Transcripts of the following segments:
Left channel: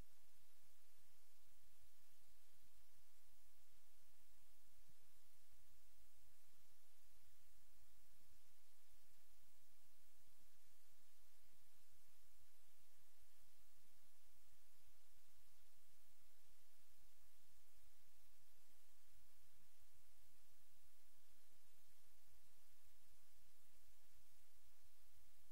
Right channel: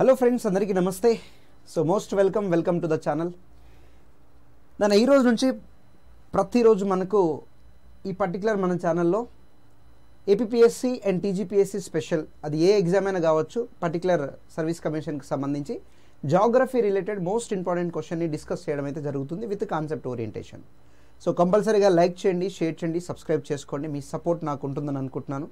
Hello friends, అందరికీ నమస్తే. So most welcome to the channel. నేను ఈరోజు నుంచి ప్రతిరోజు మనకు ఈ పర్టికులర్ మన ఛానల్లో ఏపీపీఎస్సీ అండ్ టీజీపీఎస్సీ స్పెషల్, అది ఏ ఎగ్జామ్ అయినా కావచ్చు, పర్టికులర్ సర్వీస్ కమిషన్కి సంబంధించి జాగ్రఫీ రిలేటెడ్ మోస్ట్ ఇంపార్టెంట్ క్వశ్చన్ని డిస్కస్ చేయడం అయితే జరుగుతుంది విత్ కాన్సెప్ట్ ఓరియంటేషన్. సో కంపల్సరీగా లైక్ చేయండి, షేర్ చేయండి, సబ్స్క్రైబ్ చేసుకోండి. మీ సపోర్ట్ నాకు ఉంటుందని అనుకుంటున్నాను.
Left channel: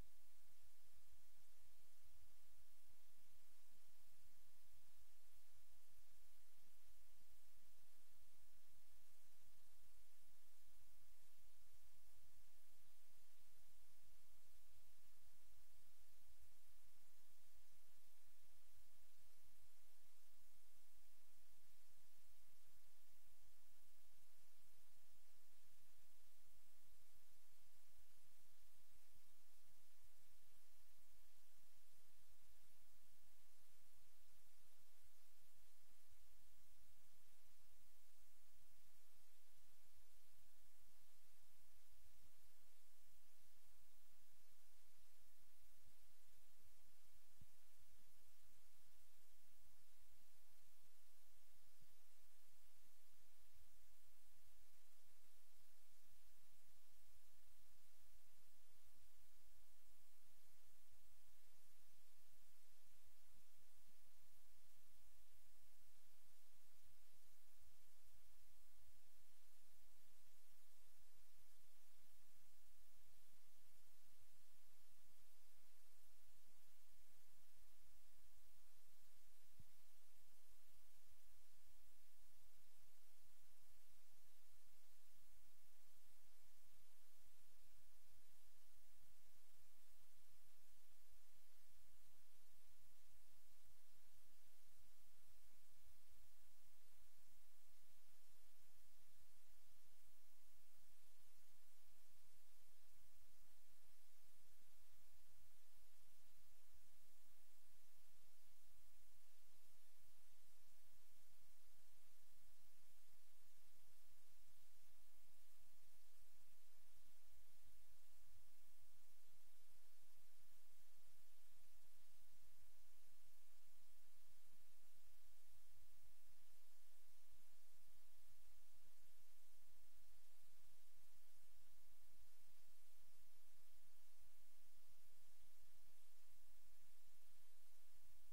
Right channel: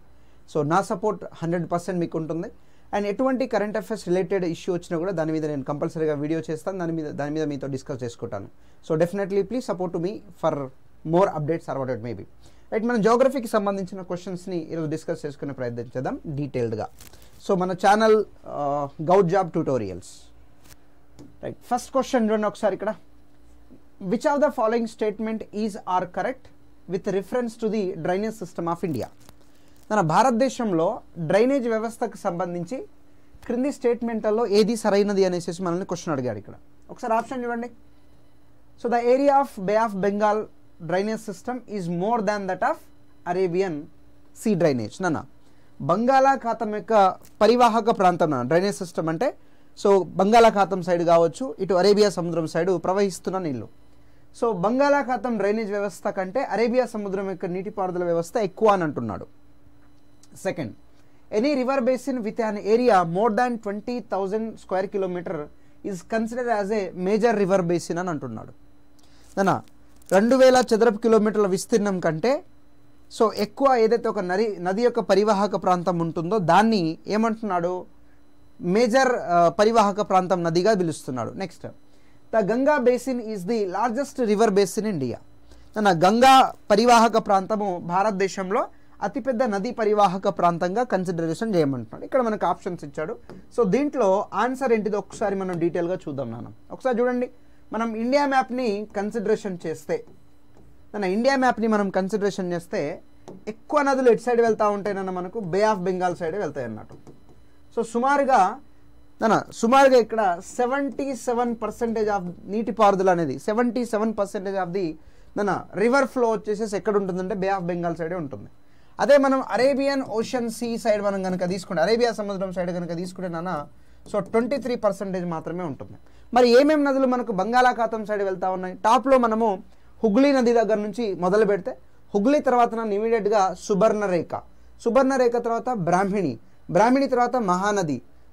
సో నా సపోర్ట్ 100% మీకు ఉంటుంది. అండ్ ఎటువంటి కరెంట్ అఫైర్స్ రిలేటెడ్ ఇష్యూ వచ్చినా కూడా దాని మీద నేను కంపల్సరీగా వీడియో చేస్తాను, దాని మీద మీతో డిస్కస్ చేసుకుంటాను. So definitely please support to me for more updates or what it may be. Right, మనం జోగ్రఫీకి సంబంధించిన క్వశ్చన్స్ని ఈరోజు డిస్కస్ చేసుకునే ప్రయత్నం చేద్దాం డీటెయిల్డ్గా. సో మన channel govt job tutorials. Right, first question చూడండి ఒకసారి ఇక్కడ. Which of the following statement is are correct with reference to the drainage system of India? మన భారతదేశంలో డ్రైనేజ్ వ్యవస్థకు సంబంధించి క్రింది స్టేట్మెంట్లలో ఏది సరైనది అనేసి మనల్ని క్వశ్చన్ అడిగాడు ఇక్కడ. ఒకసారి ఆప్షన్ చూడండి. So the area of bay of Bengal drainage system is more than that of Arabian sea drainage. నాన్న, బంగాళాఖాతం యొక్క పరివాహక ప్రాంతం డ్రైనేజ్ సిస్టమ్ అంటే, సో బంగాళాఖాతం సైడ్ కావచ్చు, ఇటు అరేబియా సముద్రం సైడు ప్రవహిస్తున్న నీళ్లు. సో బంగాళాఖాతం డ్రైనేజ్ వ్యవస్థ కంటే అరేబియా సముద్రం యొక్క నీటిపారుదల వ్యవస్థ ఎక్కువ అని అంటున్నాడు. Second, any river basin with an area more than 20,000 square kilometer is consider as a major river basin అని అంటున్నాడు. నాన్న, 2000 చదరపు కిలోమీటర్ల విస్తీర్ణం కంటే సో ఎక్కువ ఏదైతే ఒక నది యొక్క పరివాహక ప్రాంతం ఉంటుందో దాన్ని ఏమంటున్నాడు? మేజర్ పరివాహక ప్రాంతం నదిగా పిలుస్తున్నాడు. Next, the Ganga basin is the largest river basin in India. నాన్న, గంగా పరివాహక ప్రాంతము భారతదేశంలో అతిపెద్ద నదీ పరివాహక ప్రాంతంగా కన్సిడరేషన్ చేయమంటున్నాడు. ఇక్కడ మనకు ఆప్షన్స్ ఇచ్చాడు. సో దీంట్లో ఆన్సర్ ఏంటిదో ఒకసారి మనం డీటెయిల్గా చూద్దాం నాన్న. ఒకసారి చూడండి, మనం ఇండియా మ్యాప్ని కన్సిడరేషన్ చేస్తే, ఇండియా మ్యాప్ని మనం కన్సిడరేషన్ చేస్తే ఎక్కువ నదులు ఎటు సైడ్ వెళ్తూ ఉంటాయి మనకు బే ఆఫ్ బెంగాల్ సైడ్ వెళ్తాయి అన్నట్టు. సో సుమారుగా ఇక్కడ 77% ఆఫ్ నీటిపారుదల అనేది 77% ఆఫ్ ది రివర్ ఫ్లో వచ్చేసేసి ఎక్కడ ఉంటుందంటే బే ఆఫ్ బెంగాల్ సైడే ఉంటుంది. అదే మనం అరేబియన్ ఓషన్ సీ సైడ్ మనం కనుక తీసుకుంటే, అరేబియా సముద్రం సైడ్ కనుక తీసుకుంటే సో 23% మాత్రమే ఉంటుంది. మరి ఏమేమి నదులు మనకు బంగాళాఖాతం సైడ్ వెళ్తూ ఉన్నాయి? టాప్లో మనము హుగ్లీ నది దగ్గర నుంచి మొదలు పెడితే, హుగ్లీ తర్వాత ఇమీడియట్గా సుబర్ణరేఖ తర్వాత బ్రాహ్మిణి తర్వాత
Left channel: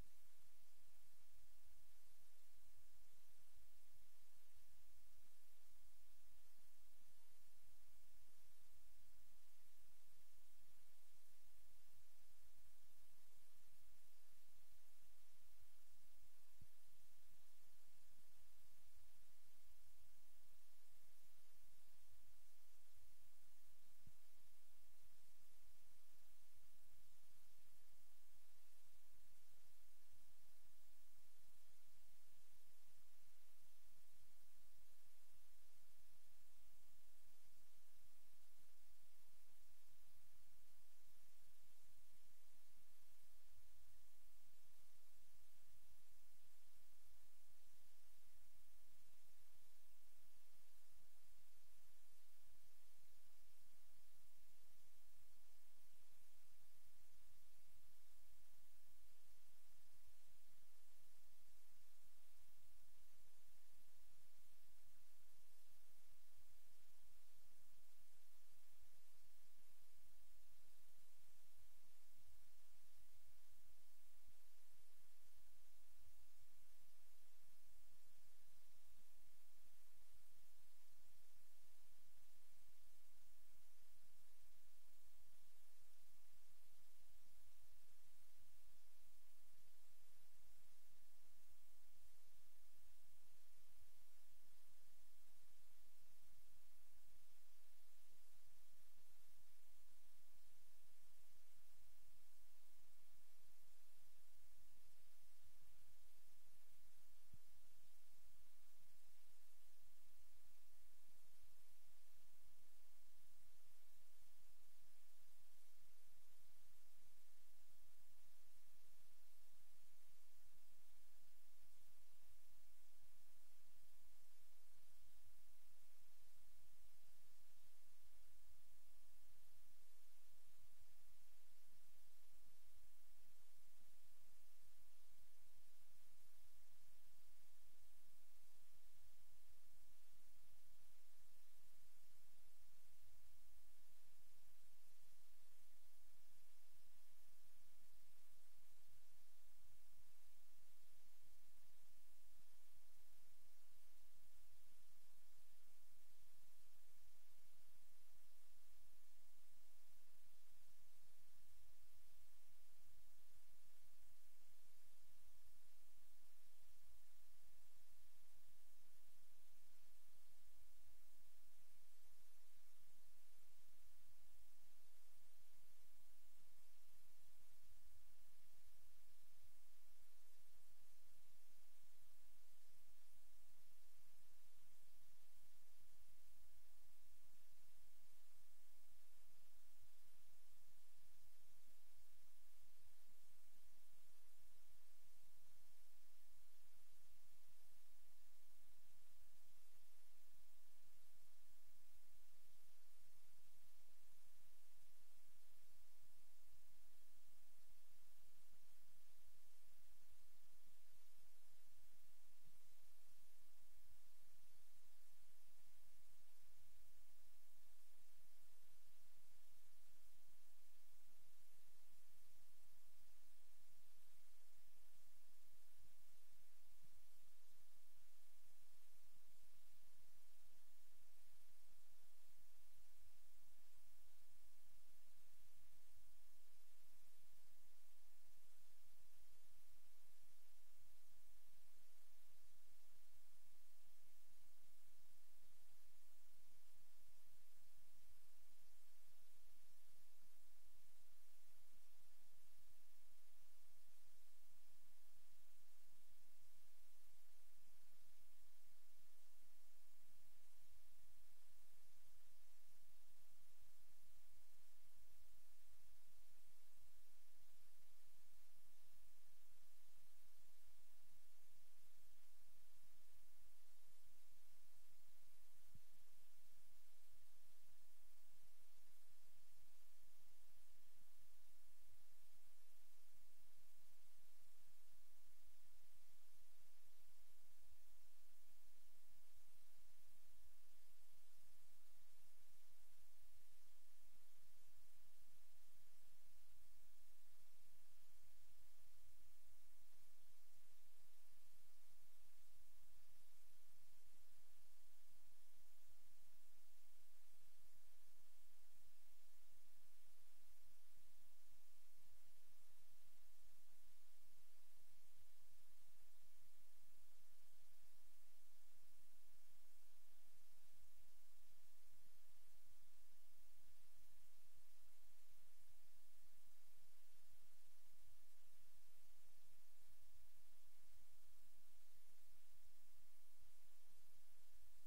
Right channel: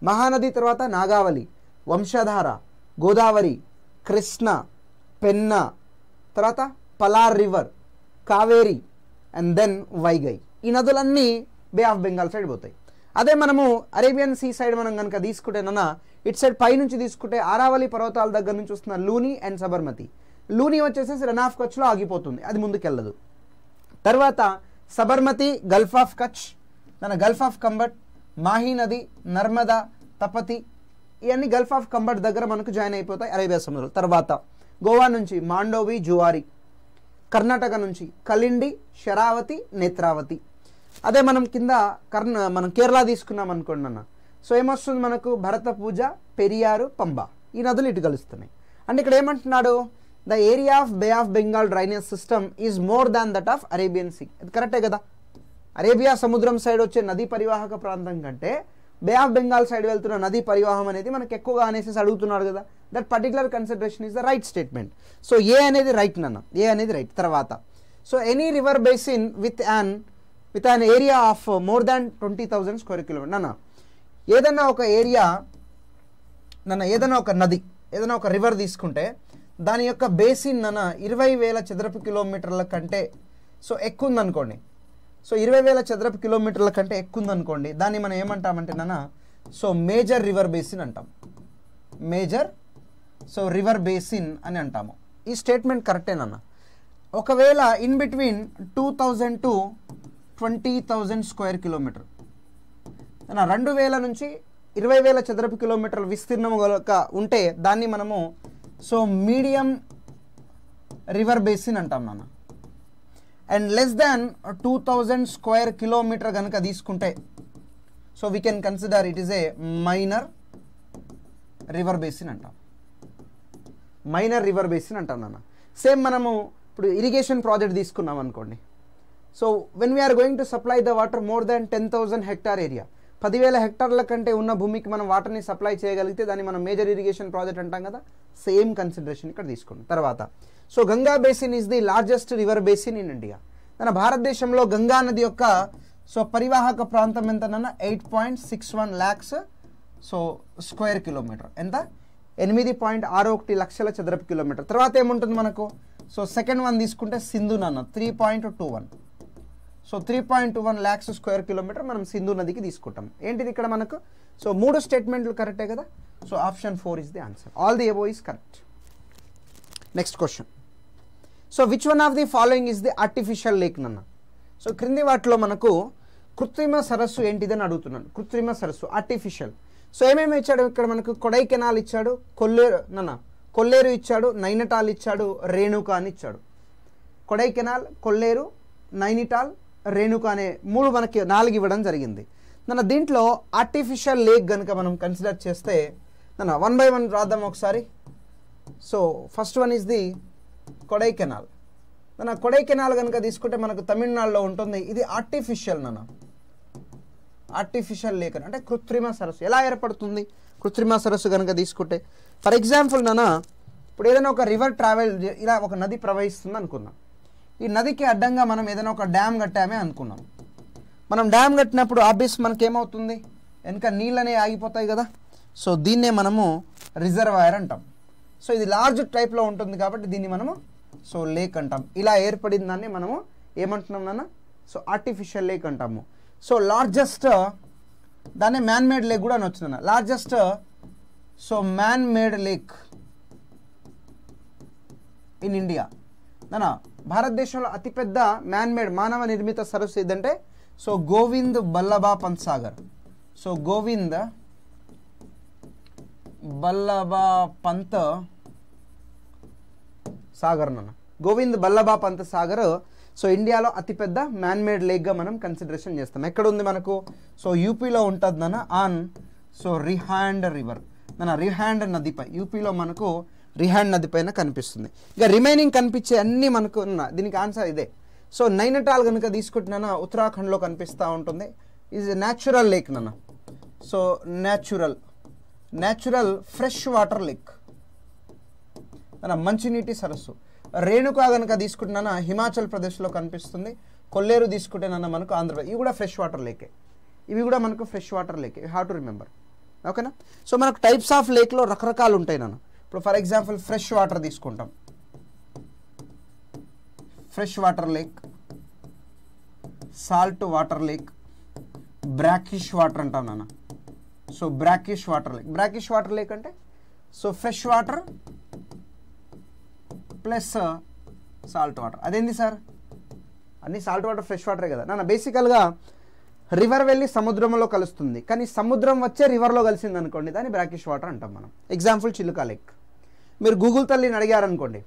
మహానది తర్వాత నాగావళి, వంశధార, గోదావరి, కృష్ణ, పెన్నా, తర్వాత Palar river, Kaveri and then Vaigai. ఈ నదులన్నీ బే ఆఫ్ బెంగాల్ సైడ్ పోతాయి. అదే మనము అరేబియన్ సీ సైడ్ మనం కనుక తీసుకుంటే ఇటు సైడ్ పై నుంచి తీసుకుంటే ఆరావళి పర్వతాల దగ్గర నుంచి వస్తున్న లూని అండ్ సబర్మతి. లూని వచ్చేసేసి రన్ ఆఫ్ కచ్లో ఆగిపోతుంది, అది ముందుకెళ్ళదు. తర్వాత Sabarmati Gulf of Kutch, Gulf of Khambhat, Mahi నది, నర్మదా, తపతి, ఇవన్నీ గల్ఫ్ ఆఫ్ కంబట్ దగ్గర మనకు జాయిన్ అయిపోతాయి అరేబియా సముద్రం. తర్వాత గోవా నుంచి మాండోవి, జువారి, కర్ణాటక నుంచి కలిండి, శరావతి, నేత్రావతి. అదే మనం కింద మనం కేరళ తీసుకున్నాం అనుకోండి అన్న, సో ఏమొస్తుంది మనకు? భరత పూజ, పెరియారు, పంబ, ఈ నదులు ఇటు కలుస్తున్నాయి. అంటే ఇక్కడ ఏమంటున్నాడు? The area of bay of Bengal drainage system is more than that of Arabian sea. అది కరెక్టే కదా? అరేబియా సముద్రం సైడ్ వచ్చే నదీ పరివాహక ప్రాంతం కంటే బే ఆఫ్ బెంగాల్ సైడ్ వెళ్తున్న నదీ పరివాహం అనేది మనకు ఎక్కువగా అనేసి అడుగుతున్నాడు కదా. That particular consideration is the right statement. So A అనేది రైట్ నాన్న, ఏ అనేది రైట్. తర్వాత so any river basin with an area of more than 20,000 square kilometer. ఏదైనా ఒక ఏరియా ఏదైనా ఒక నది, ఏదైనా ఒక రివర్ తీసుకుంటే దాని యొక్క బేసిన్ 20,000 చదరపు కిలోమీటర్ల కంటే సో ఎక్కువ ఉందనుకోండి. సో 20,000 చదరపు కిలోమీటర్ల కంటే ఎక్కువ ఉందనుకోండి, దాన్ని మనం ఏమంటామంటే సో మేజర్ రివర్ బేసిన్ అంటాం. మేజర్ రివర్ బేసిన్ అని అంటాము. ఈ స్టేట్మెంట్ కరెక్టేనన్నా. ఒకవేళ in between 2,000 to 20,000 square kilometer, 2,000 నుంచి 20,000 చదరపు కిలోమీటర్ల విస్తీర్ణం ఉంటే దాన్ని మనము సో మీడియం రివర్ బేసిన్ అంటాం నాన్న. And less than 2,000 square kilometer కనుక తీసుకుంటే so we can consider it is a minor river basin అంటాం. మైనర్ రివర్ బేసిన్ అంటాం నాన్న. సేమ్ మనము ఇప్పుడు ఇరిగేషన్ ప్రాజెక్ట్ తీసుకున్నాం అనుకోండి. So when we are going to supply the water more than 10,000 hectare area, 10,000 హెక్టార్ల కంటే ఉన్న భూమికి మనం వాటర్ని సప్లై చేయగలిగితే దాన్ని మనం మేజర్ ఇరిగేషన్ ప్రాజెక్ట్ అంటాం కదా, సేమ్ కన్సిడరేషన్ ఇక్కడ తీసుకోండి. తర్వాత so Ganga basin is the largest river basin in India. మన భారతదేశంలో గంగా నది యొక్క సో పరివాహక ప్రాంతం ఎంతనన్నా 8.61 lakhs సో స్క్వేర్ కిలోమీటర్. ఎంత? 8.61 లక్షల చదరపు కిలోమీటర్. తర్వాత ఏముంటుంది మనకు? సో సెకండ్ వన్ తీసుకుంటే సింధు నాన్న 3.21. సో 3.21 lakhs స్క్వేర్ కిలోమీటర్ మనం సింధు నదికి తీసుకుంటాం. ఏంటిది ఇక్కడ మనకు? సో 3 స్టేట్మెంట్లు కరెక్టే కదా. So option 4 is the answer. All the above is correct. Next question. So which one of the following is the artificial lake నన్న? సో క్రింది వాటిలో మనకు కృత్రిమ సరస్సు ఏంటిదని అడుగుతున్నాను. కృత్రిమ సరస్సు ఆర్టిఫిషియల్. సో ఏమేమి ఇచ్చాడు ఇక్కడ మనకు? కొడైకెనాల్ ఇచ్చాడు, కొల్లేరు ఇచ్చాడు, నైనిటాల్ ఇచ్చాడు, రేణుక అని ఇచ్చాడు. కొడైకెనాల్, కొల్లేరు, నైనిటాల్, రేణుక అనే 3 మనకి 4 ఇవ్వడం జరిగింది. దీంట్లో ఆర్టిఫిషియల్ లేక్ కనుక మనం కన్సిడర్ చేస్తే 1 by 1 రాద్దాం ఒకసారి. So first one is the Kodaikanal. Kodaikanal కనుక తీసుకుంటే మనకు తమిళనాడులో ఉంటుంది. ఇది ఆర్టిఫిషియల్ ఆర్టిఫిషియల్ లేక్ అంటే కృత్రిమ సరస్సు. ఎలా ఏర్పడుతుంది కృత్రిమ సరస్సు కనుక తీసుకుంటే? ఫర్ ఎగ్జాంపుల్ ఇప్పుడు ఏదైనా ఒక రివర్ ట్రావెల్ ఇలా ఒక నది ప్రవహిస్తుంది అనుకుందాం. ఈ నదికి అడ్డంగా మనం ఏదైనా ఒక డ్యామ్ కట్టామే అనుకున్నాం. మనం డ్యామ్ కట్టినప్పుడు ఆబ్వియస్ మనకేమవుతుంది? వెనక నీళ్ళనే ఆగిపోతాయి కదా. సో దీన్నే మనము రిజర్వాయర్ అంటాం. సో ఇది లార్జ్ టైప్లో ఉంటుంది కాబట్టి దీన్ని మనము సో లేక్ అంటాం. ఇలా ఏర్పడిన దాన్ని మనము ఏమంటున్నాం నాన్న? సో ఆర్టిఫిషియల్ లేక్ అంటాము. సో లార్జెస్ట్ దాన్ని మ్యాన్ మేడ్ లేక్ కూడా అని వచ్చిన largest so man made lake in India. భారతదేశంలో అతిపెద్ద మ్యాన్ మేడ్ మానవ నిర్మిత సరస్సు ఏదంటే so Govind Ballabh Pant Sagar. So Govind Ballabh Pant Sagar Govind Ballabh Pant Sagar so ఇండియాలో అతిపెద్ద మ్యాన్ మేడ్ లేక్గా మనం కన్సిడరేషన్ చేస్తాం. ఎక్కడ ఉంది మనకు? సో యూపీలో ఉంటుంది on so Rihand river Rihand నదిపై. యూపీలో మనకు రిహాండ్ నది పైన కనిపిస్తుంది. ఇక రిమైనింగ్ కనిపించే అన్నీ మనకు దీనికి ఆన్సర్ ఇదే. సో నైనిటాల్ కనుక తీసుకుంటున్నా ఉత్తరాఖండ్లో కనిపిస్తూ ఉంటుంది. Is natural lake so natural fresh water lake మంచినీటి సరస్సు. రేణుకా కనుక తీసుకుంటున్నా హిమాచల్ ప్రదేశ్లో కనిపిస్తుంది. కొల్లేరు తీసుకుంటే మనకు ఆంధ్రప్రదేశ్. ఇవి కూడా ఫ్రెష్ వాటర్ లేకే. ఇవి కూడా మనకు ఫ్రెష్ వాటర్ లేకే. You have to remember. ఓకేనా? సో మనకు టైప్స్ ఆఫ్ లేక్లో రకరకాలు ఉంటాయి ఇప్పుడు ఫర్ ఎగ్జాంపుల్ ఫ్రెష్ వాటర్ తీసుకుంటాం. Fresh water lake, salt water lake, brackish water అంటాం సో బ్రాకిష్ వాటర్ లేక్ అంటే so fresh water plus salt water. అదేంది సార్? అన్ని సాల్ట్ వాటర్ ఫ్రెష్ వాటరే కదా బేసికల్గా రివర్ వెళ్ళి సముద్రంలో కలుస్తుంది, కానీ సముద్రం వచ్చే రివర్లో కలిసింది అనుకోండి, దాన్ని బ్రాకిష్ వాటర్ అంటాం మనం. Example Chilika lake. మీరు గూగుల్ తల్లిని అడిగారనుకోండి,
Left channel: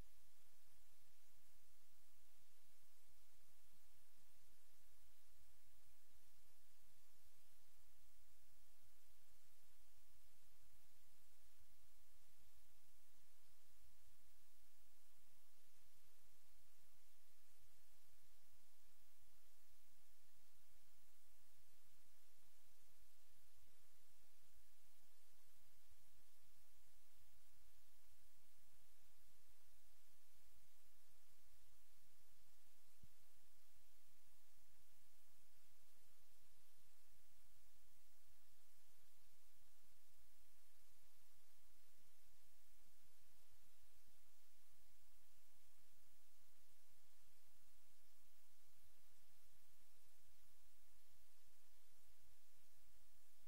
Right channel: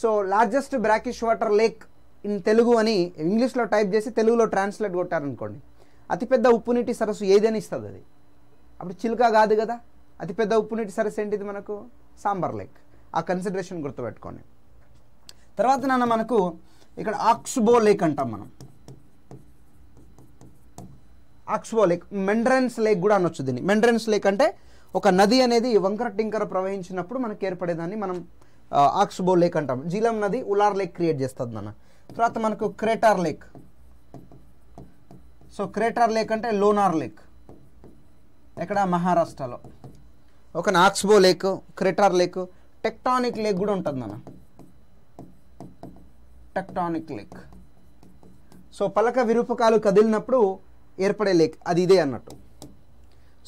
so largest brackish water lake in Telugu అని ఇంగ్లీష్లో టైప్ చేసి తెలుగులో ట్రాన్స్లేట్ కొట్టారనుకోండి, అతిపెద్ద ఉప్పు నీటి సరస్సు ఏదని ఇస్తుంది అది. అప్పుడు చిలుకా కాదు కదా. అతిపెద్ద ఉప్పు నీటి సరస్సు ఏంటిది మనకు? సాంబార్ లేక్. ఆ కన్సిడరేషన్ గుర్తుపెట్టుకోండి. తర్వాత మనకు ఇక్కడ ఆక్స్బో లేక్ అంటాం మనం. ఆక్స్బో లేక్, మెండ్రన్స్ లేక్ కూడా అనొచ్చు దీన్ని. మెండ్రన్స్ లేక్ అంటే ఒక నది అనేది వంకర టింకర ప్రవహించినప్పుడు మనకు ఏర్పడేదాన్ని మనం ఆక్స్బో లేక్ అంటాం. జీలం నది ఉలార్ లేక్ క్రియేట్ చేస్తుంది తర్వాత మనకు crater lake. So crater lake అంటే లోనార్ లేక్, ఎక్కడ? మహారాష్ట్రలో. ఒక oxbow lake, crater lake, tectonic lake కూడా ఉంటుంది టెక్టానిక్ లేక్. సో పలక విరూపకాలు కదిలినప్పుడు ఏర్పడే లేక్, అది ఇదే అన్నట్టు.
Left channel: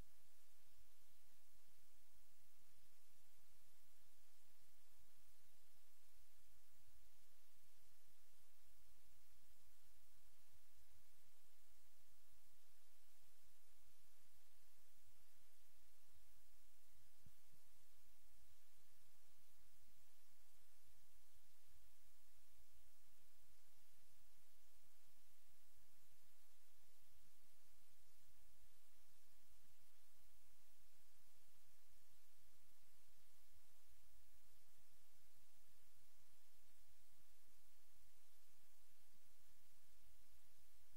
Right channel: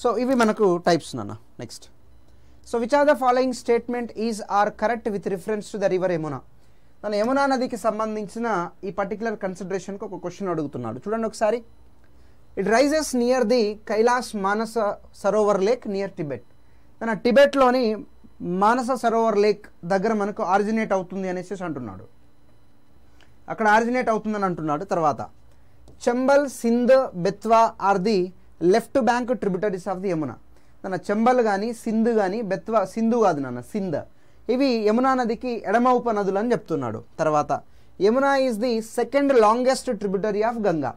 సో ఇవి మనకు types next. So which are the following statement is are correct with reference to the river Yamuna? Yamuna నదికి సంబంధించిన ఈ పర్టికులర్ కన్సిడరేషన్కి ఒక క్వశ్చన్ అడుగుతున్నాడు. చూడండి ఒకసారి. It rises near the Kailash Manasa Sarovar lake near Tibet. టిబెట్లోని మానస సరోవర్ లేక్ దగ్గర మనకు ఆరిజినేట్ అవుతుంది అనేసి అంటున్నాడు. అక్కడ ఆరిజినేట్ అవుతుందని అంటున్నాడు. తర్వాత Chambal, Sindh, Betwa are the left bank tributaries of the Yamuna. Chambal కానీ సింధ్ కానీ బెత్వా, సింధు కాదు సింధ్, ఇవి యమునా నదికి ఎడమ ఉపనదులు అని చెప్తున్నాడు. తర్వాత Yamuna is the second longest tributary of Ganga.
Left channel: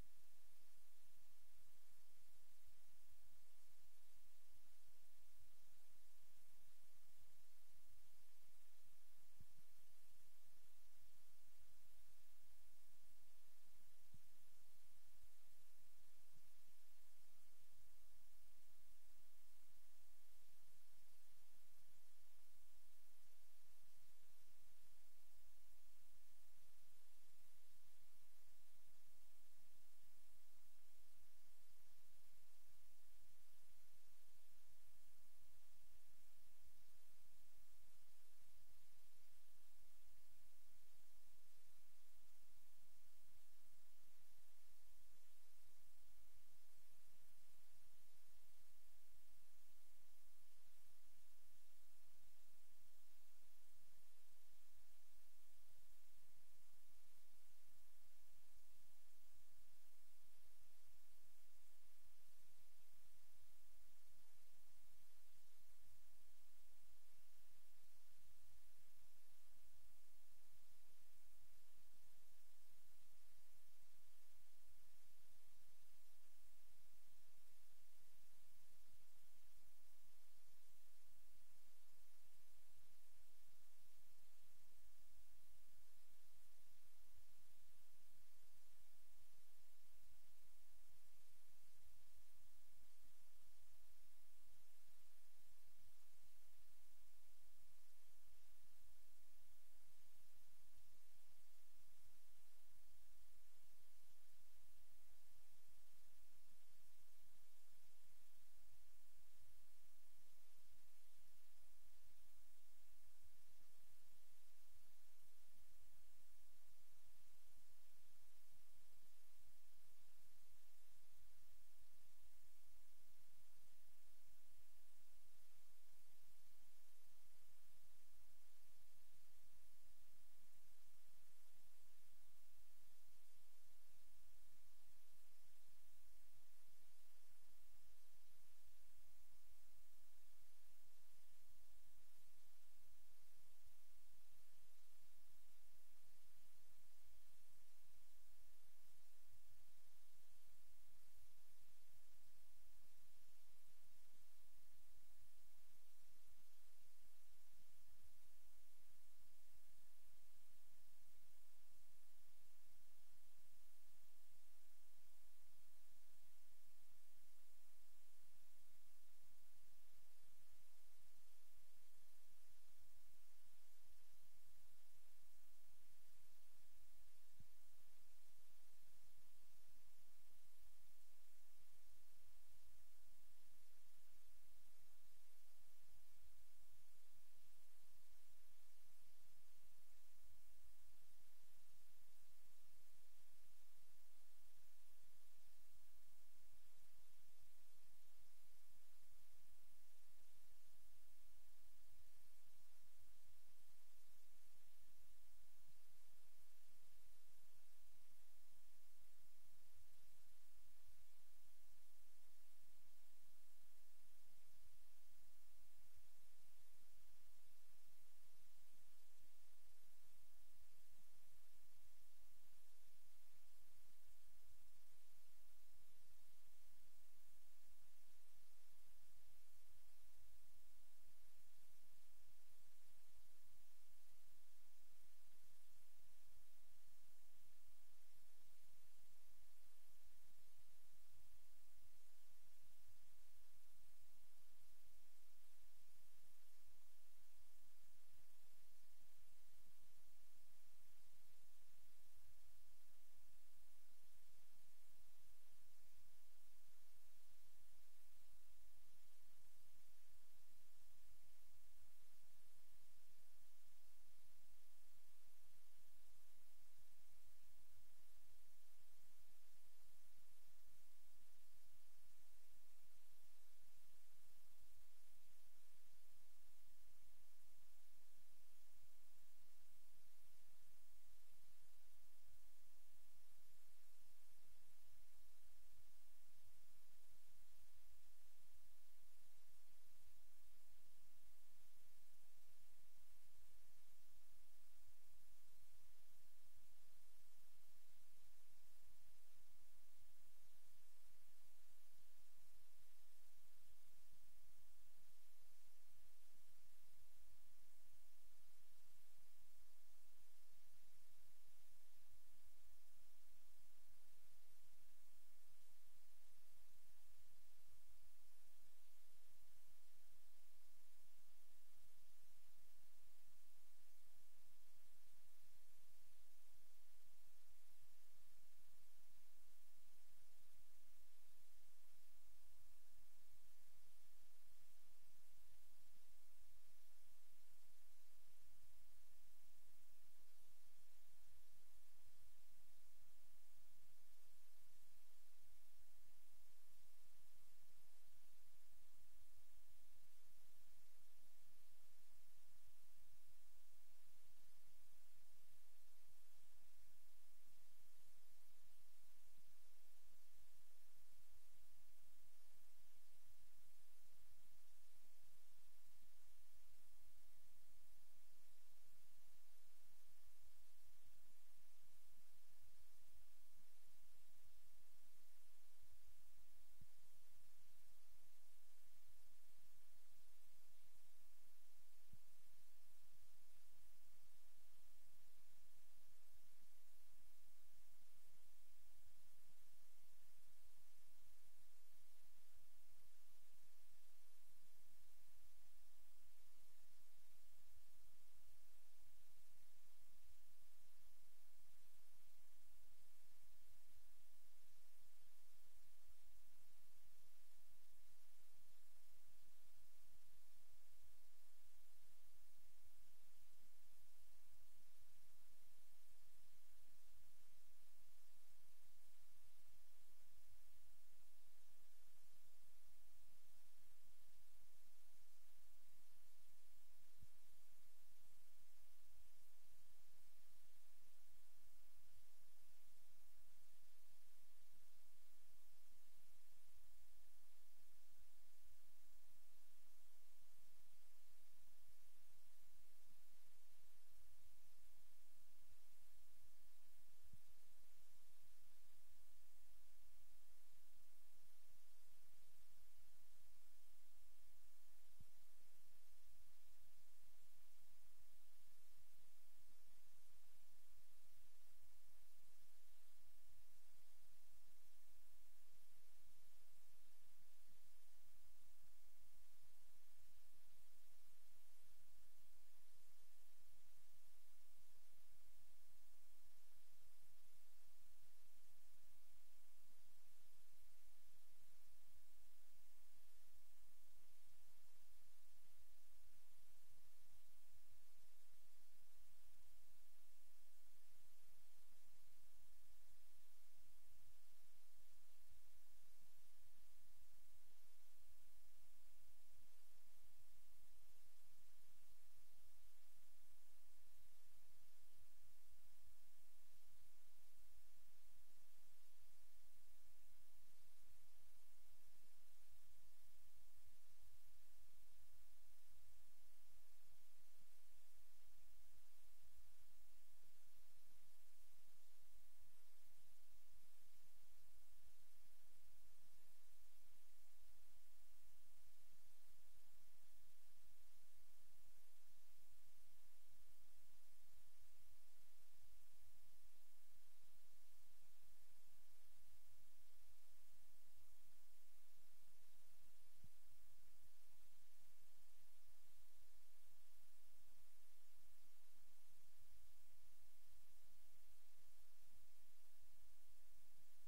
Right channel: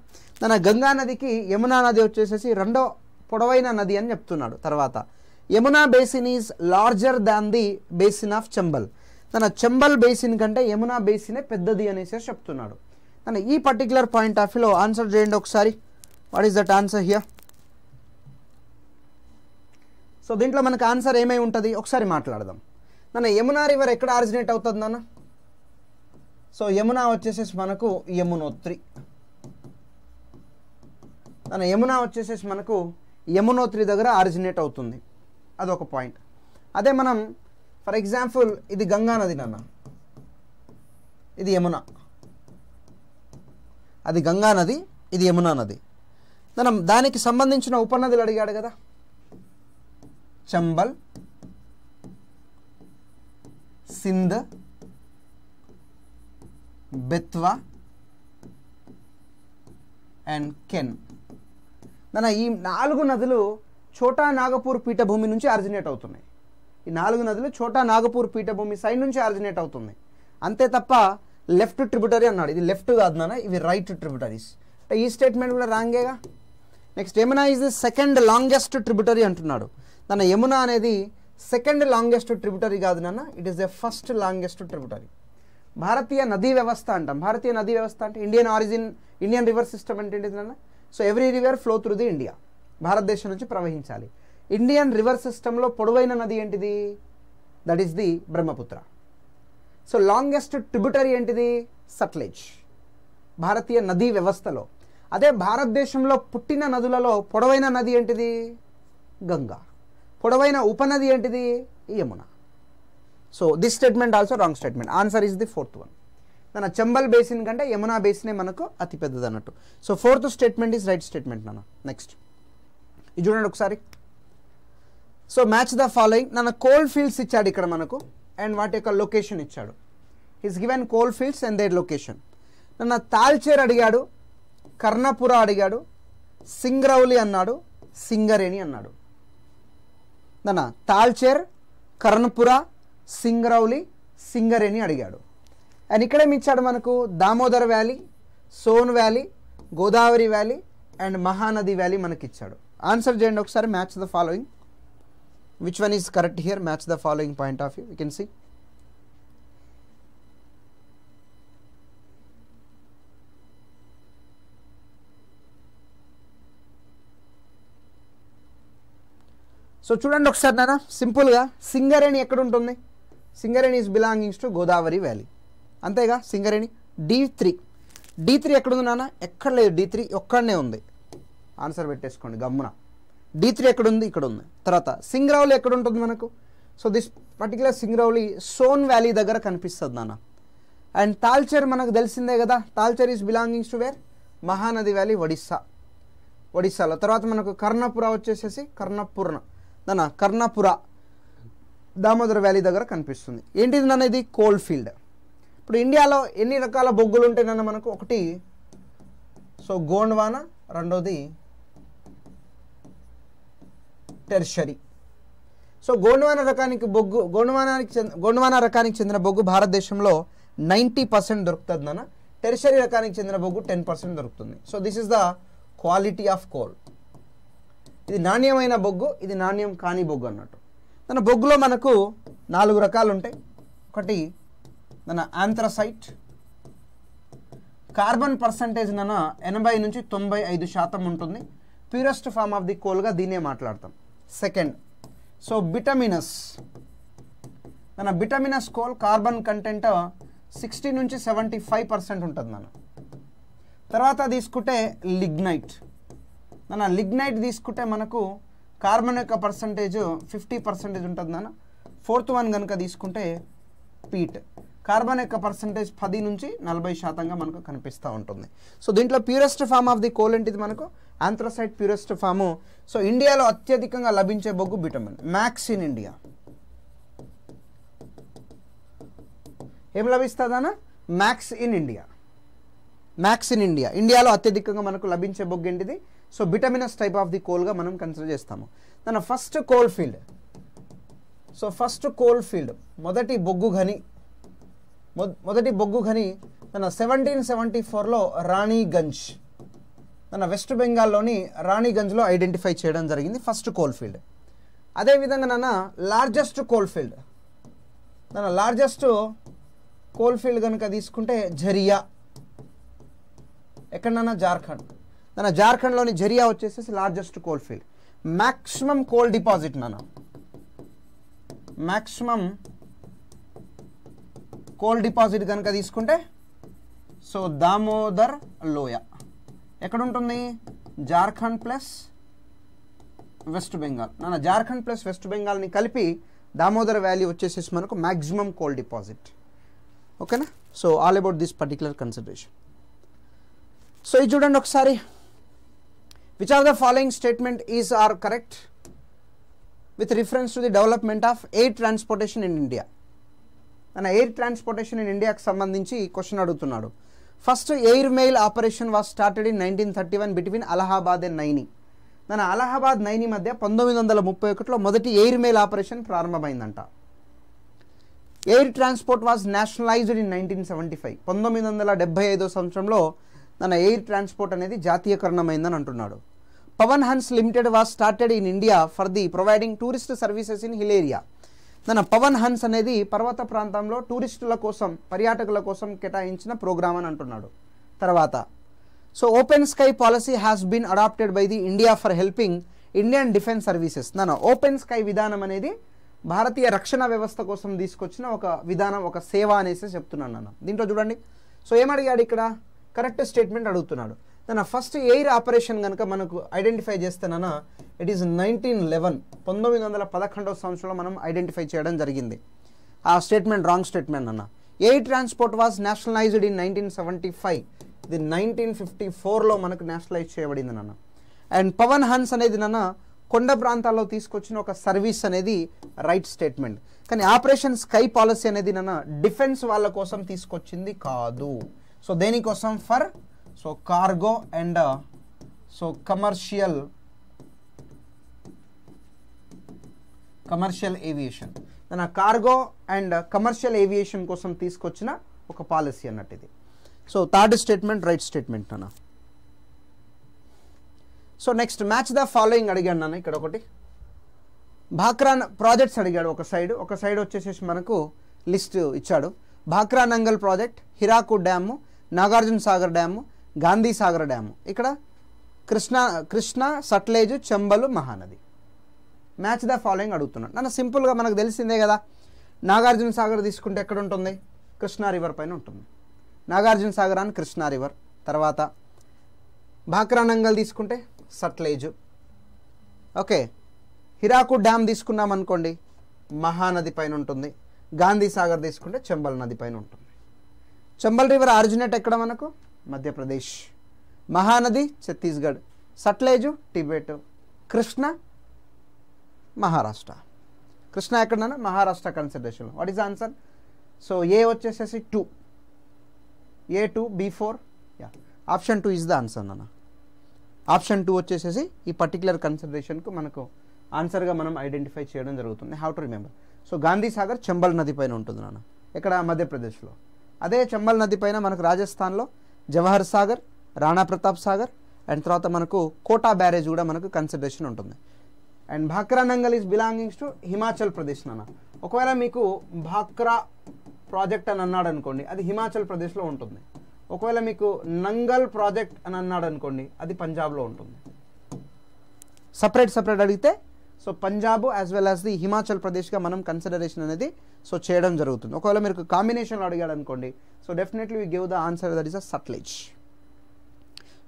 Ganga నదికి యమునా నది వచ్చేసేసి రెండో పొడవైన నది అని చెప్తున్నాడు. తర్వాత Yamuna basin is larger than the basin of Chambal. తన చంబల్ బేసిన్ కంటే యమునా బేసినే పెద్దది అనేసి చెప్తున్నాడు. తన ఈ పర్టికులర్ పాయింట్ ఆఫ్ వ్యూలో ఆన్సర్ చేయండి ఒకసారి. What is that answer here? So దీంట్లో మనకు ఆన్సర్ ఏమై ఉంటుంది ఒకసారి మాట్లాడదాం. నన్ను యమునా రివర్ ఎక్కడ ఆరిజినేట్ అవుతుంది నాన్న? సో యమునా వచ్చేసేసి మనకు యమునోత్రి. నన్ను యమునా వచ్చేసేసి మనకు యమునోత్రి దగ్గర ఆరిజినేట్ అవుతుంది. అదొక పాయింట్. అదే మనం ఫర్ ఎగ్జాంపుల్ ఇది గంగా నది నాన్న, ఇది యమున. అది గంగా నది, ఇది యమునా నది. మనం దానికి సంబంధించిన ఉపనదులు అడిగాడు కదా, చంబల్, సింధ్, బెత్వా అండ్ కెన్. ఈ 4 నదులు ఛోటా నాగపూర్ పీఠభూమి నుంచి ఆరిజినేట్ అవుతున్నాయి. ఈ 4 నదులు ఛోటా నాగపూర్ పీఠభూమి సైడ్ నుంచి ఆరిజినేట్ అవుతుంది. అంతే తప్ప లెఫ్ట్ ట్రిబ్యూటరీ అన్నాడు. ఇది లెఫ్ట్ కాదు నాన్న, ఇవి రైట్ ట్రిబ్యూటరీస్. అంటే ఈ స్టేట్మెంట్ కూడా రాంగేగా. Next Yamuna is the second longest tributary అంటున్నాడు. యమునా అనేది సెకండ్ లాంగెస్ట్ ట్రిబ్యూటరీ కాదు నాన్న, it is the first longest tributary. భారతీయ నదీ వ్యవస్థ అంటాం. భారతీయ నదీ వ్యవస్థ అంటే ఇండియన్ రివర్ సిస్టమ్ అంటే ఏంటిది నాన్న? So every river flow through the India, భారతదేశం నుంచి ప్రవహించాలి. ఇండియన్ రివర్ సిస్టంలో పొడవైన నది ఏంటిది? That is the Brahmaputra. So longest tributary ఏంటిది? సట్లెజ్, భారతీయ నదీ వ్యవస్థలో. అదే భారతదేశంలో పుట్టిన నదులలో పొడవైన నది ఏంటిది? గంగా. పొడవైన ఉపనది ఏంటిది? Yamuna. So this statement also wrong statement. Answer is the 4th one. నాన్న చంబల్ బేసిన్ కంటే యమునా బేసినే మనకు అతి పెద్దది అన్నట్టు. So 4th statement is right statement నాన్న. నెక్స్ట్ ఇది చూడండి ఒకసారి. So match the following. Coal fields ఇచ్చాడు ఇక్కడ మనకు, అండ్ వాటి యొక్క లొకేషన్ ఇచ్చాడు. Is given coal fields and their location. Talcher అడిగాడు, కర్ణపుర అడిగాడు, సింగరౌలి అన్నాడు, సింగరేణి అన్నాడు. తాల్చేర్, కర్ణపుర, సింగరౌలి, సింగరేణి అడిగాడు. అండ్ ఇక్కడేమి ఇచ్చాడు మనకు? Damodar valley, Son valley, Godavari valley and Mahanadi valley మనకి ఇచ్చాడు. ఆన్సర్ చేయండి ఒకసారి. Match the following. Which one is correct here? Match the following point of view. You can see. So చూడండి ఒకసారి నాన్న, సింపుల్గా సింగరేణి ఎక్కడ ఉంటుంది? Singareni is belongings to Godavari valley, అంతేగా. సింగరేణి D3 ఎక్కడుంది నాన్న? ఎక్కడ లేదు. D3 ఒక్కడనే ఉంది. ఆన్సర్ పెట్టేసుకోండి గమ్మున. D3 ఎక్కడుంది? ఇక్కడ ఉంది. తర్వాత సింగరౌలి ఎక్కడ ఉంటుంది మనకు? So this particular Singrauli Son valley దగ్గర కనిపిస్తుంది నాన్న. అండ్ తాల్చేర్ మనకు తెలిసిందే కదా, Talcher is belongings to where? Mahanadi valley, ఒడిస్సాలో. తర్వాత మనకు కర్ణపుర వచ్చేసేసి కర్ణపుర దామోదర్ వ్యాలీ దగ్గర కనిపిస్తుంది. ఏంటిది నాన్న? ఇది కోల్ ఫీల్డ్. ఇప్పుడు ఇండియాలో ఎన్ని రకాల బొగ్గులు ఉంటాయి నాన్న మనకు? ఒకటి సో గోండ్వానా, రెండోది టెర్షరీ. సో గోండ్వానా రకానికి చెందిన బొగ్గు భారతదేశంలో 90% దొరుకుతుంది నాన్న. టెర్షరీ రకానికి చెందిన బొగ్గు 10% దొరుకుతుంది. So this is the quality of coal. ఇది నాణ్యమైన బొగ్గు, ఇది నాణ్యం కాని బొగ్గు అన్నట్టు. బొగ్గులో మనకు 4 రకాలు ఉంటాయి. ఒకటి ఆంథ్రసైట్. కార్బన్ పర్సంటేజ్ 80 నుంచి 95% ఉంటుంది. ప్యూరెస్ట్ ఫామ్ ఆఫ్ ది కోల్గా దీన్నే మాట్లాడతాం. Second so bituminous coal carbon content 60 నుంచి 75% ఉంటుంది నాన్న. తర్వాత తీసుకుంటే లిగ్నైట్ తీసుకుంటే మనకు కార్బన్ యొక్క పర్సంటేజ్ 50% ఉంటుంది నాన్న. 4th వన్ కనుక తీసుకుంటే పీట్. కార్బన్ యొక్క పర్సంటేజ్ 10 నుంచి 40%గా మనకు కనిపిస్తూ ఉంటుంది. సో దీంట్లో purest form of the coal ఏంటిది మనకు? Anthracite purest form. సో ఇండియాలో అత్యధికంగా లభించే బొగ్గు బిటమిన్. Max in India. ఏం లభిస్తుందన్న? Max in India. ఇండియాలో అత్యధికంగా మనకు లభించే బొగ్గు ఏంటిది? సో బిటమినస్ టైప్ ఆఫ్ ది కోల్గా మనం కన్సిడర్ చేస్తాము. First coal field. So first coal field మొదటి బొగ్గు గని 1774లో రాణిగంజ్ మన వెస్ట్ బెంగాల్లోని రాణిగంజ్లో ఐడెంటిఫై చేయడం జరిగింది ఫస్ట్ కోల్ ఫీల్డ్. అదేవిధంగా నాన్న లార్జెస్ట్ కోల్ ఫీల్డ్, మన లార్జెస్ట్ కోల్ ఫీల్డ్ కనుక తీసుకుంటే ఝరియా, ఎక్కడన్నా జార్ఖండ్. మన జార్ఖండ్లోని ఝరియా వచ్చేసేసి largest coal field. Maximum coal deposit నాన్న, మ్యాక్సిమం కోల్ డిపాజిట్ కనుక తీసుకుంటే సో దామోదర్ లోయ ఎక్కడ ఉంటుంది? Jharkhand plus west Bengal. నాన్న జార్ఖండ్ ప్లస్ వెస్ట్ బెంగాల్ని కలిపి దామోదర్ వ్యాలీ వచ్చేసేసి మనకు మ్యాక్సిమం కోల్ డిపాజిట్. ఓకేనా? So all about this particular consideration. So ఇది చూడండి ఒకసారి. Which are the following statement is are correct with reference to the development of air transportation in India. మన air transportation in ఇండియాకి సంబంధించి question అడుగుతున్నాడు. First air mail operation was started in 1931 between Allahabad and Naini. మన అలహాబాద్ నైని మధ్య 1931లో మొదటి air mail operation ప్రారంభమైందంట. Air transport was nationalised in 1975. 1975 సంవత్సరంలో మన ఎయిర్ ట్రాన్స్పోర్ట్ అనేది జాతీయకరణమైందని అంటున్నాడు. Pawan Hans limited was started in India for the providing tourist services in hill area. మన పవన్ హన్స్ అనేది పర్వత ప్రాంతంలో టూరిస్టుల కోసం, పర్యాటకుల కోసం కేటాయించిన ప్రోగ్రామ్ అని అంటున్నాడు. తర్వాత so open sky policy has been adopted by the India for helping Indian defence services. నాన్న ఓపెన్ స్కై విధానం అనేది భారతీయ రక్షణ వ్యవస్థ కోసం తీసుకొచ్చిన ఒక విధానం, ఒక సేవ అనేసి చెప్తున్నాను నాన్న. దీంట్లో చూడండి. సో ఏమడిగాడు ఇక్కడ? కరెక్ట్ స్టేట్మెంట్ అడుగుతున్నాడు. నాన్న ఫస్ట్ ఎయిర్ ఆపరేషన్ కనుక మనకు ఐడెంటిఫై చేస్తేనన్నా ఇట్ ఈస్ 1911 సంవత్సరంలో మనం ఐడెంటిఫై చేయడం జరిగింది. ఆ స్టేట్మెంట్ రాంగ్ స్టేట్మెంట్ అన్న. Air transport was nationalised in 1975. ఇది 1954లో మనకు నేషనలైజ్ చేయబడింది నాన్న. అండ్ పవన్ హన్స్ అనేది నాన్న కొండ ప్రాంతాల్లో తీసుకొచ్చిన ఒక సర్వీస్ అనేది రైట్ స్టేట్మెంట్. కానీ ఆపరేషన్ స్కై పాలసీ అనేది నాన్న డిఫెన్స్ వాళ్ళ కోసం తీసుకొచ్చింది కాదు. సో దేనికోసం? For so cargo and so commercial aviation. మన కార్గో అండ్ కమర్షియల్ ఏవియేషన్ కోసం తీసుకొచ్చిన ఒక పాలసీ అన్నట్టు ఇది. So third statement right statement అన్న. So next match the following అడిగాడు నాన్న. ఇక్కడ ఒకటి భాక్రా ప్రాజెక్ట్స్ అడిగాడు. ఒక సైడ్ వచ్చేసేసి మనకు లిస్ట్ ఇచ్చాడు. Bhakra Nangal project, Hirakud dam, Nagarjuna Sagar dam, Gandhi Sagar dam. ఇక్కడ Krishna, Sutlej, Chambal, Mahanadi. Match the following అడుగుతున్నాడు. నన్ను సింపుల్గా మనకు తెలిసిందే కదా. నాగార్జున సాగర్ తీసుకుంటే ఎక్కడ ఉంటుంది? కృష్ణా రివర్ పైన ఉంటుంది. నాగార్జున సాగర్ అని కృష్ణా రివర్. తర్వాత భాక్రా నంగల్ తీసుకుంటే సట్లేజ్. ఓకే, హిరాకుడ్ డ్యామ్ తీసుకున్నాం అనుకోండి మహానది పైన ఉంటుంది. గాంధీ సాగర్ తీసుకుంటే చంబల్ నది పైన ఉంటుంది. చంబల్ రివర్ ఆరిజినేట్ ఎక్కడ మనకు? మధ్యప్రదేశ్. మహానది ఛత్తీస్గఢ్. సట్లేజు టిబెట్. కృష్ణ మహారాష్ట్ర. కృష్ణ ఎక్కడన్నా? Maharashtra consideration. What is answer? So ఏ వచ్చేసేసి 2, A2, B4. Yeah, option 2 is the answer నాన్న. ఆప్షన్ 2 వచ్చేసేసి ఈ పర్టికులర్ కన్సిడరేషన్కు మనకు ఆన్సర్గా మనం ఐడెంటిఫై చేయడం జరుగుతుంది. How to remember? So Gandhi Sagar Chambal నది పైన ఉంటుంది నాన్న. ఇక్కడ మధ్యప్రదేశ్లో. అదే చంబల్ నది పైన మనకు రాజస్థాన్లో జవహర్ సాగర్, రాణా ప్రతాప్ సాగర్ అండ్ తర్వాత మనకు కోటా బ్యారేజ్ కూడా మనకు కన్సిడరేషన్ ఉంటుంది. And Bhakra Nangal is belongings to Himachal Pradesh నాన్న. ఒకవేళ మీకు భాక్రా ప్రాజెక్ట్ అని అన్నాడు అనుకోండి, అది హిమాచల్ ప్రదేశ్లో ఉంటుంది. ఒకవేళ మీకు నంగల్ ప్రాజెక్ట్ అని అన్నాడు అనుకోండి, అది పంజాబ్లో ఉంటుంది. సపరేట్ అడిగితే so Punjab as well as the Himachal ప్రదేశ్గా మనం కన్సిడరేషన్ అనేది సో చేయడం జరుగుతుంది. ఒకవేళ మీరు కాంబినేషన్లో అడిగాడు అనుకోండి, so definitely we give the answer that is a Sutlej.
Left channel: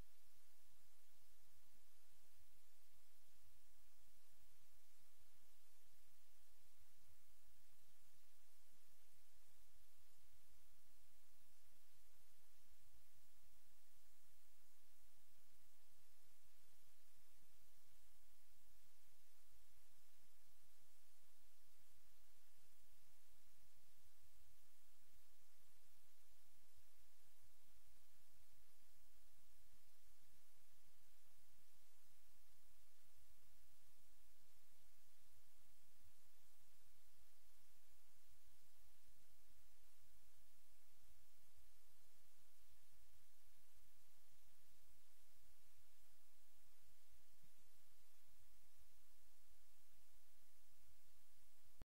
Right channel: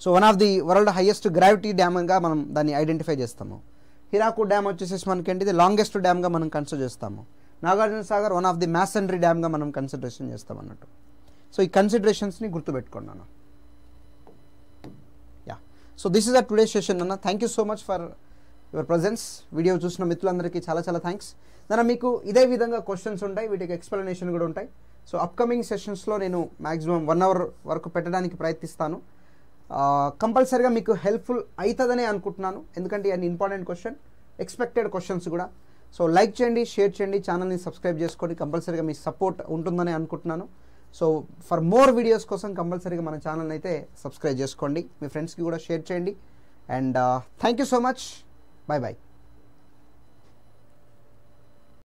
So one of the world highest gravity డ్యామ్గా మనం దాన్ని ఐడెంటిఫై చేస్తాము. హిరాకుడ్ డ్యామ్ వచ్చేసేసి మనకి ఏంటిది లాంగెస్ట్ డ్యామ్గా మనం కన్సిడర్ చేస్తాము. Nagarjuna Sagar one of the masonry డ్యామ్గా మనం కన్సిడరేషన్ చేస్తాం అన్నట్టు. సో ఈ కన్సిడరేషన్స్ని గుర్తుపెట్టుకోండి అన్న. Yeah, so this is a today session అన్న. Thank you so much for your presence. Video చూసిన మిత్రులందరికీ చాలా థ్యాంక్స్. దాని మీకు ఇదే విధంగా క్వశ్చన్స్ ఉంటాయి, వీటికి ఎక్స్ప్లెనేషన్ కూడా ఉంటాయి. సో అప్కమింగ్ సెషన్స్లో నేను మ్యాక్సిమం 1 hour వరకు పెట్టడానికి ప్రయత్నిస్తాను. కంపల్సరీగా మీకు హెల్ప్ఫుల్ అవుతుందని అనుకుంటున్నాను, ఎందుకంటే అది ఇంపార్టెంట్ క్వశ్చన్, ఎక్స్పెక్టెడ్ క్వశ్చన్స్ కూడా. సో లైక్ చేయండి, షేర్ చేయండి, ఛానల్ని సబ్స్క్రైబ్ చేసుకోండి. కంపల్సరీగా మీ సపోర్ట్ ఉంటుందని అనుకుంటున్నాను. సో ఫర్ మోర్ వీడియోస్ కోసం కంపల్సరీగా మన ఛానల్ అయితే సబ్స్క్రైబ్ చేసుకోండి, మీ ఫ్రెండ్స్కి కూడా షేర్ చేయండి. And thank you so much. Bye bye.